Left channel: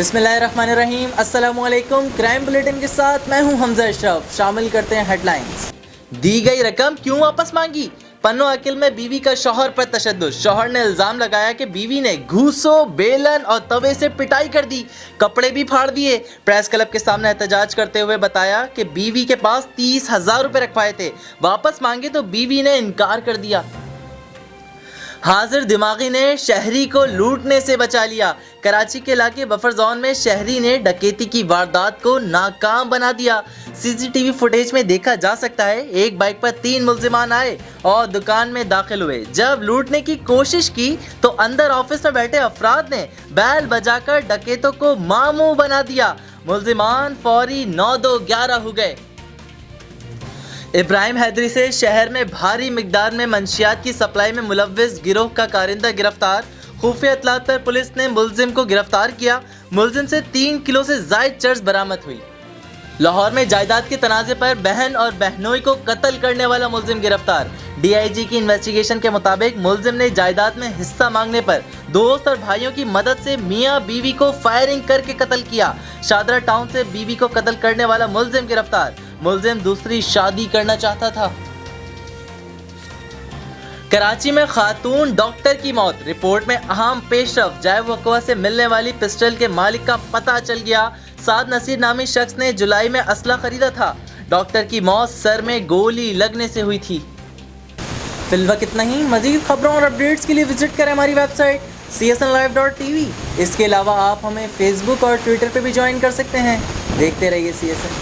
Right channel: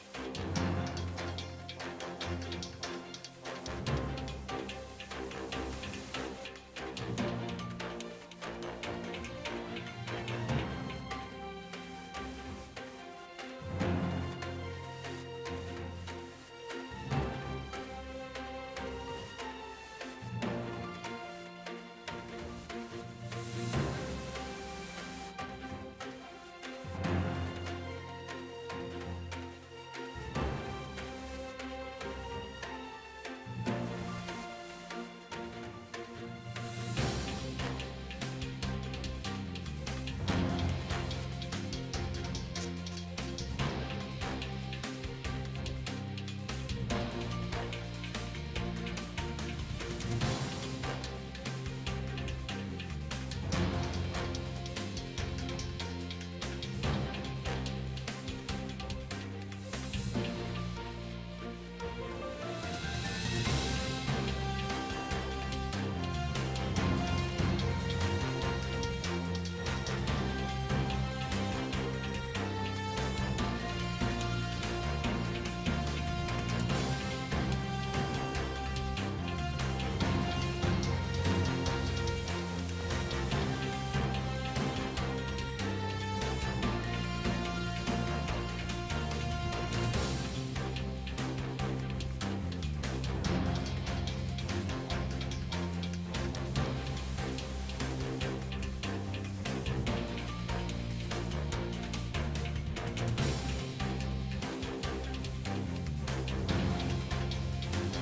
बिस्मिल्लाहिर्रहमानिर्रहीम। अस्सलामुअलैकुम। Crime bulletin के साथ मैं हूं हमजा अशरफ। शामिल करते हैं हेडलाइंस। दी गई रकम क्यों वापस मांगी? पन्नो अकिल में बीवी का शौहर पर तशद्दुद। शौहर ने इल्जाम लगाया कि बीवी ने घूसों, बेलन और तवे से पिटाई कर दी, कपड़े भी फाड़ दिए। प्रेस क्लब के सामने एहतजाज करते हुए बताया कि बीवी के पास 30,000 रुपए रखवाए थे, वापस मांगे तो बीवी ने इनकार कर दिया। हाजिर दिमागी ने शहरी को लूटने से बचा लिया। कराची के इलाके बफर जोन में शहरी ने डकैती की वारदात को नाकाम बना दिया। सीसीटीवी फुटेज में देखा जा सकता है, एक बाइक पर 3 मुल्जिमान आए और दुकान में दाखिल हुए। जब लूटने की कोशिश की तो अंदर ऑफिस में बैठे अफराद ने बैल बजाकर डकैतों को मामू बना दिया। मुल्जिमान फौरी 9-2-11 हो गए। इब्राहिम हैदरी से शहर में भारी मिकदार में मंशियात की सप्लाई में मुलव्विस गिरोह का कारिंदा गिरफ्तार। खुफिया इत्तलात पर पुलिस ने मुल्जिम को गिरफ्तार किया। मुल्जिम से 3 किलो से जायद चर्स बरामद हुई। लाहौर में जायदाद के तनाज़े पर बहन और बहनोई को कत्ल करने वाला मुल्जिम गिरफ्तार। डीआईजी की इन्वेस्टिगेशन के मुताबिक मुल्जिम ने जायदाद में हिस्सा मांगने पर दोस्त और भाइयों की मदद से मियां बीवी को फायरिंग करके कत्ल किया। शादरा टाउन से बीवी को कत्ल करने वाला मुल्जिम गिरफ्तार। मुल्जिम दूसरी शादी करना चाहता था। कराची में खातून डॉक्टर की मौत। रिपोर्ट में अहम पेशरफ। जैव वकवा से मिलने वाली पिस्टल के मालिक का पता चल गया। साद नसीर नामी शख्स ने जुलाई में असला खरीदा था। डॉक्टर की मौत सर में गोली लगने से हुई थी। फिलहाल इतना ही। मजीद खबरों और अपडेट्स के लिए विजिट करें हमारी वेबसाइट csnlive.tv। इसके अलावा आप हमें फेसबुक और ट्विटर पर भी ज्वाइन कर सकते हैं। देखते रहिए CSN।